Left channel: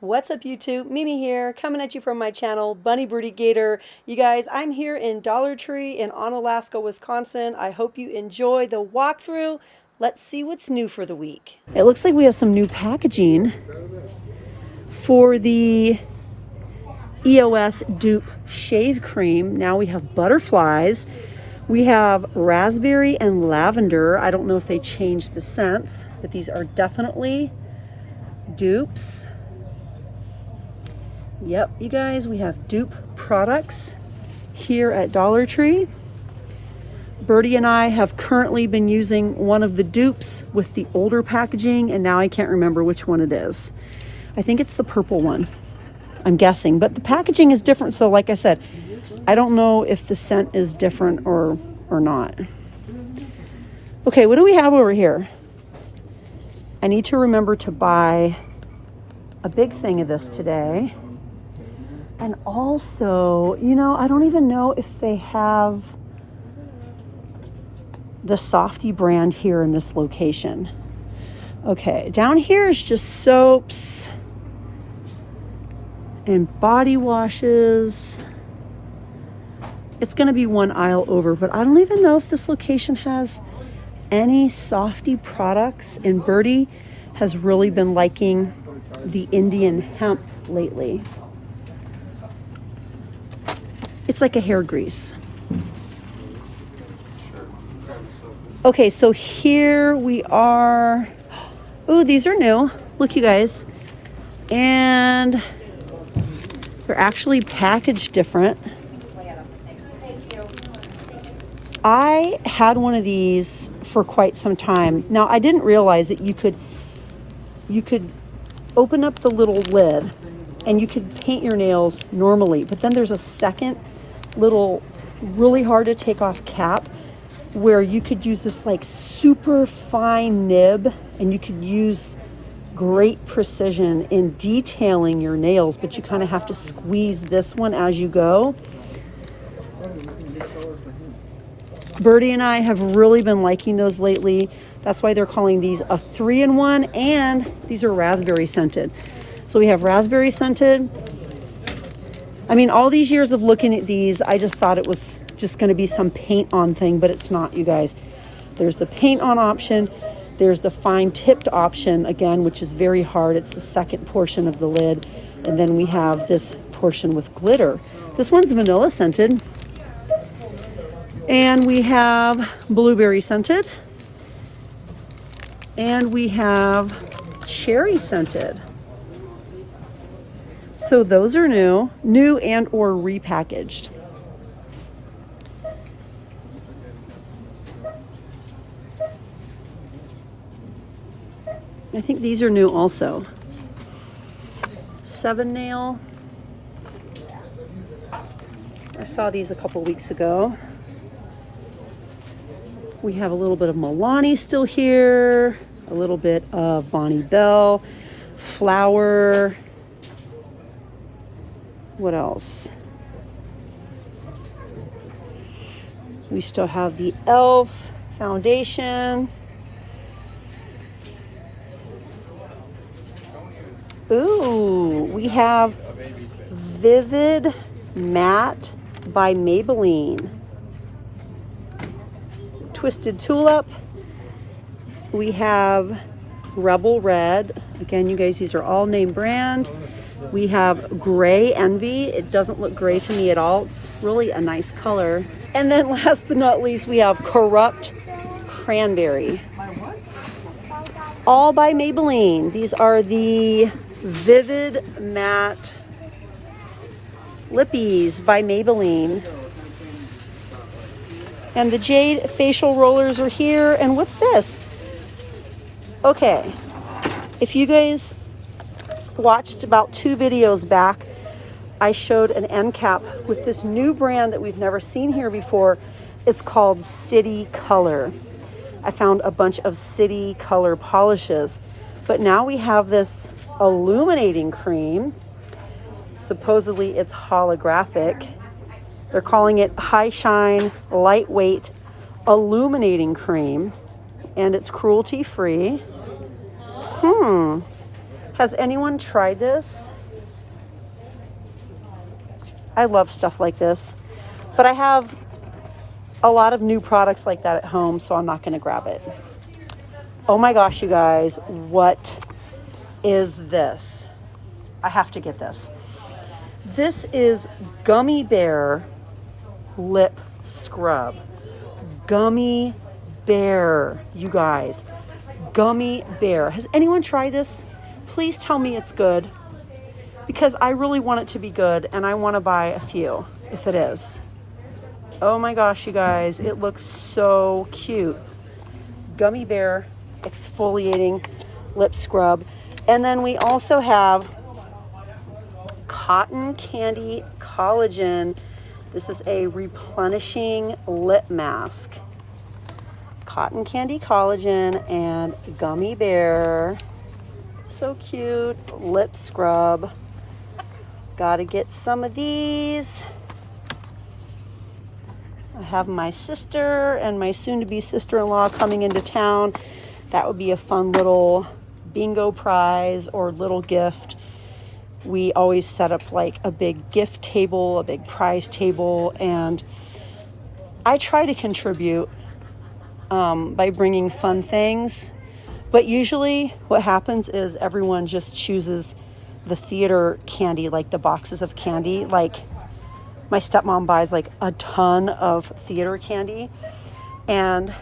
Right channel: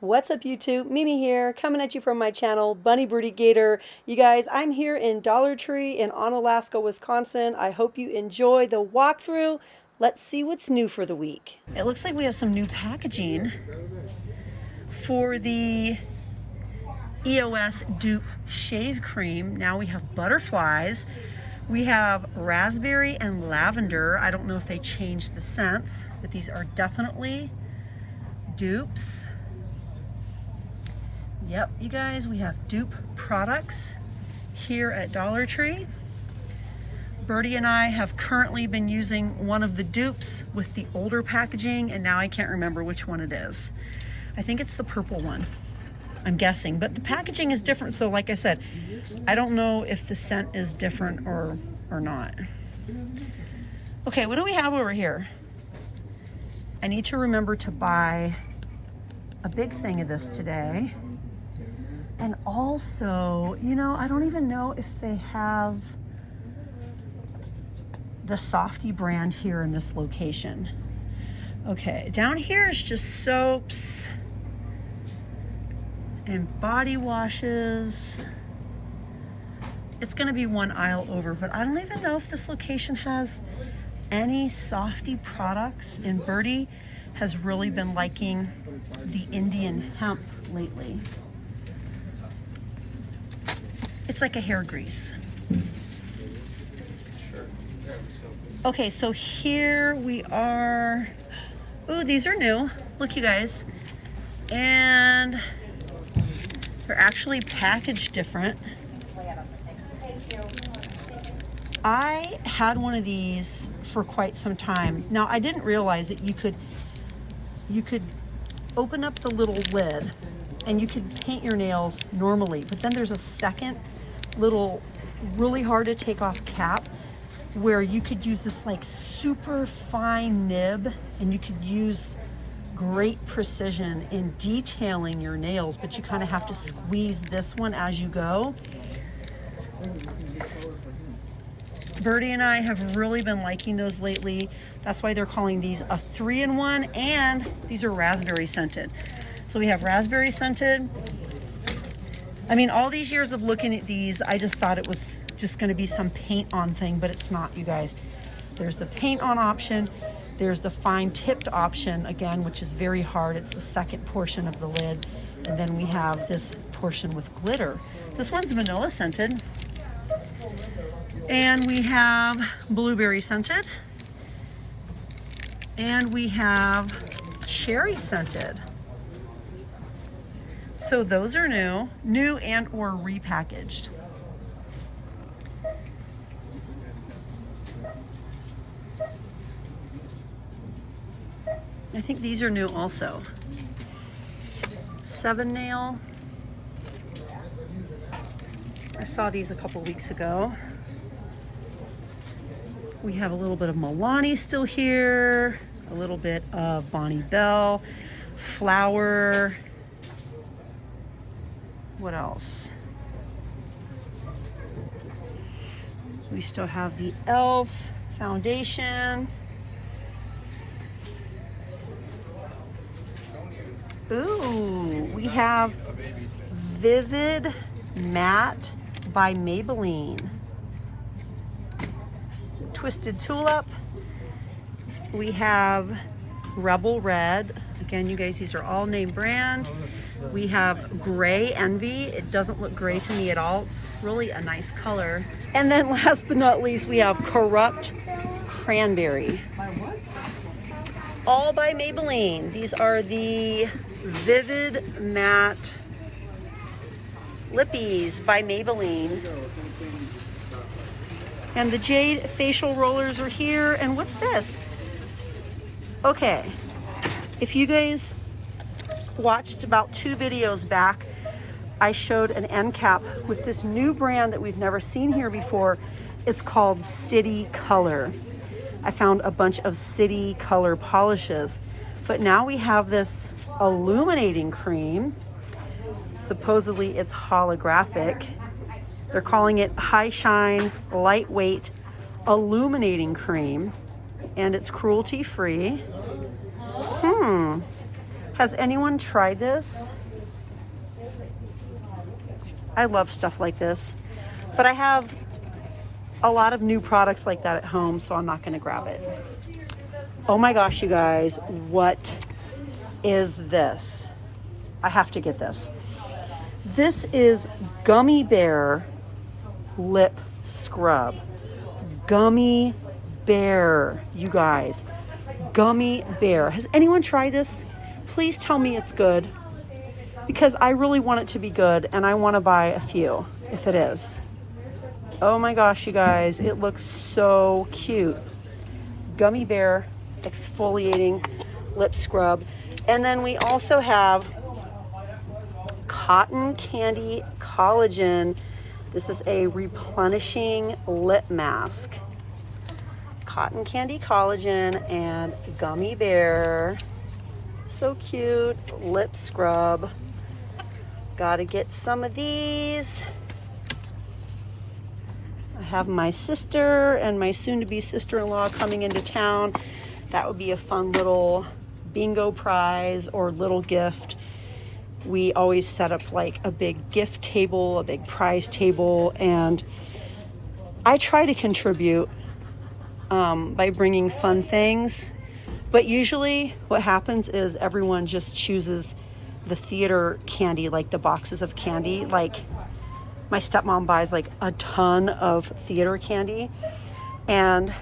What's up YouTube? Mimi here, coming at you from my channel, Bunny Birdy Gator. You guys, I'm here in Dollar Tree in Onalaska, Wisconsin. I hope you enjoy the walkthrough. Let's see what's new for the week. It looks like we have some new packaging for the EOS Dupe Shave Cream. Now we have butterflies. We have raspberry and lavender. I don't know if they changed the scents, but these are definitely dupes. Yep, you guys, we have dupe products here at Dollar Tree. Birdie and I have currently been using one of the dupes with the older packaging, and now I can't remember which one it is. I think it's the purple one, I'm guessing, but the packaging is different. So like I said, I don't know if the scent is different or not. Okay, what do we have over here? I need to remember to buy a big thing of this today. And also, you know, I don't even know if they have the Softy brand here in this location. Okay, down here is just soaps and body washes. It's gonna be one aisle over, but I don't even know if this location has any Softy products. And Birdie has really been liking the Indian hemp lately. It's like a hair grease. Okay, so here we are. Oh, these are new. Look, you guys. And they're actually packaged different. I had one of these for quite some time. Now, I didn't realize that you could open up the little lid and you could paint your nails normally, but then there's a second little really hard to take off cap where you could use this like super fine nib, and you could use great precision in detailing your nails, but you kind of have to squeeze this one as you go. Birdie and I have really been liking those lately. That's why they're calling these a 3-in-1, and these are raspberry scented. So we have raspberry scented. I mean, all these years of looking at these, I just thought it was just going to be some paint on thing, but it's not, you guys. There's the paint on option. There's the fine tipped option, again, which is very hard. It's the second portion of the lid. And then we have this portion with glitter. This one's vanilla scented. And we have blueberry scented. And we have cherry scented. So those are new and or repackaged. I think these are new also. 7 nail. I saw these a couple weeks ago. We have a little bit of Milani still here, a little bit of Bonnie Bell, Flower. What else? We still have the e.l.f. foundation. Ooh, we have Vivid Matte by Maybelline. Twisted Tulip. We have Rebel Red. Again, you guys, these are all name brand. We have Gray Envy. It doesn't look gray to me at all. It's really a nice color. And then last but not least, we have Corrupt Cranberry. All by Maybelline. These are the Vivid Matte Lippies by Maybelline. And the Jade facial rollers are here. And what's this? Okay, if you guys watched about 2 videos back, I showed an end cap with this new brand that we've never seen here before. It's called City Color. I found a bunch of City Color polishes, but now we have this illuminating cream. Supposedly it's holographic. They're calling it High Shine Lightweight Illuminating Cream, and it's cruelty free. Has anyone tried this? I love stuff like this, but I have a lot of new products like that at home, so I'm not gonna grab it. Oh my gosh, you guys, what is this? I have to get this. This is Gummy Bear Lip Scrub. Gummy Bear, you guys. Gummy Bear. Has anyone tried this? Please tell me it's good, because I really want it to be good and I want to buy a few if it is. Oh my gosh, you guys, it looks so cute. Gummy Bear exfoliating lip scrub. And then we also have Cotton Candy Collagen. This is a replenishing lip mask. Cotton Candy Collagen and Gummy Bear. So cute. Lip scrub. Gotta get some of these. I have my sister and my soon-to-be sister-in-law coming into town. That would be a fun little bingo prize or little gift. We always set up like a big gift table, a big prize table, and I try to contribute by bringing fun things. But usually what happens is everyone just chooses the theater candy, like the boxes of candy. Like my stepmom buys like a ton of theater candy, and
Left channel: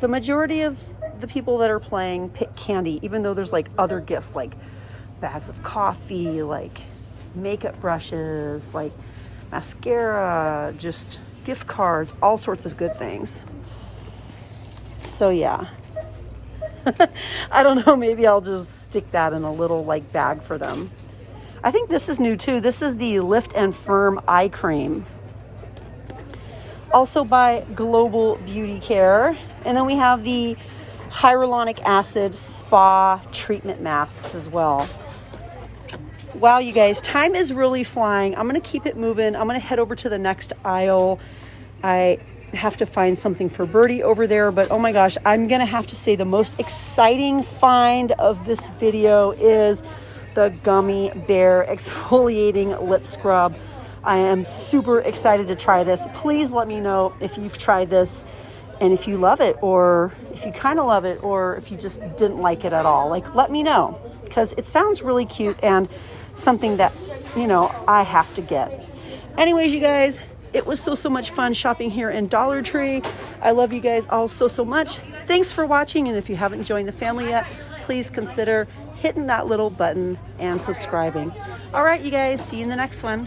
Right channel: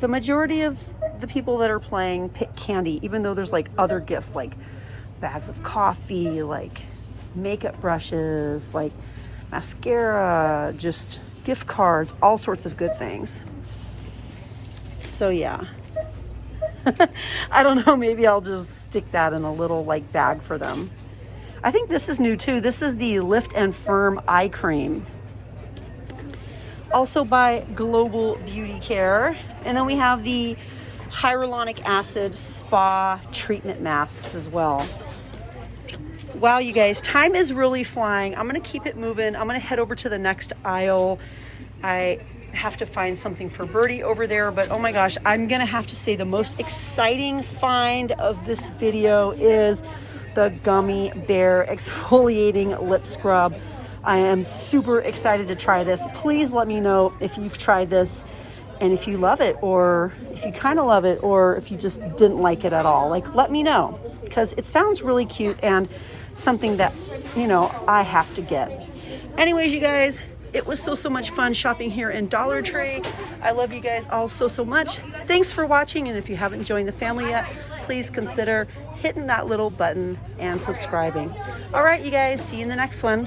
the majority of the people that are playing pick candy, even though there's like other gifts like bags of coffee, like makeup brushes, like mascara, just gift cards, all sorts of good things. So yeah. I don't know, maybe I'll just stick that in a little like bag for them. I think this is new too. This is the Lift and Firm Eye Cream. Also by Global Beauty Care. And then we have the hyaluronic acid spa treatment masks as well. Wow, you guys, time is really flying. I'm gonna keep it moving. I'm gonna head over to the next aisle. I have to find something for Birdy over there, but oh my gosh, I'm gonna have to say the most exciting find of this video is the Gummy Bear exfoliating lip scrub. I am super excited to try this. Please let me know if you've tried this and if you love it, or if you kind of love it, or if you just didn't like it at all. Like, let me know, because it sounds really cute and something that, you know, I have to get. Anyways, you guys, it was so much fun shopping here in Dollar Tree. I love you guys all so much. Thanks for watching, and if you haven't joined the family yet, please consider hitting that little button and subscribing. All right, you guys, see you in the next one.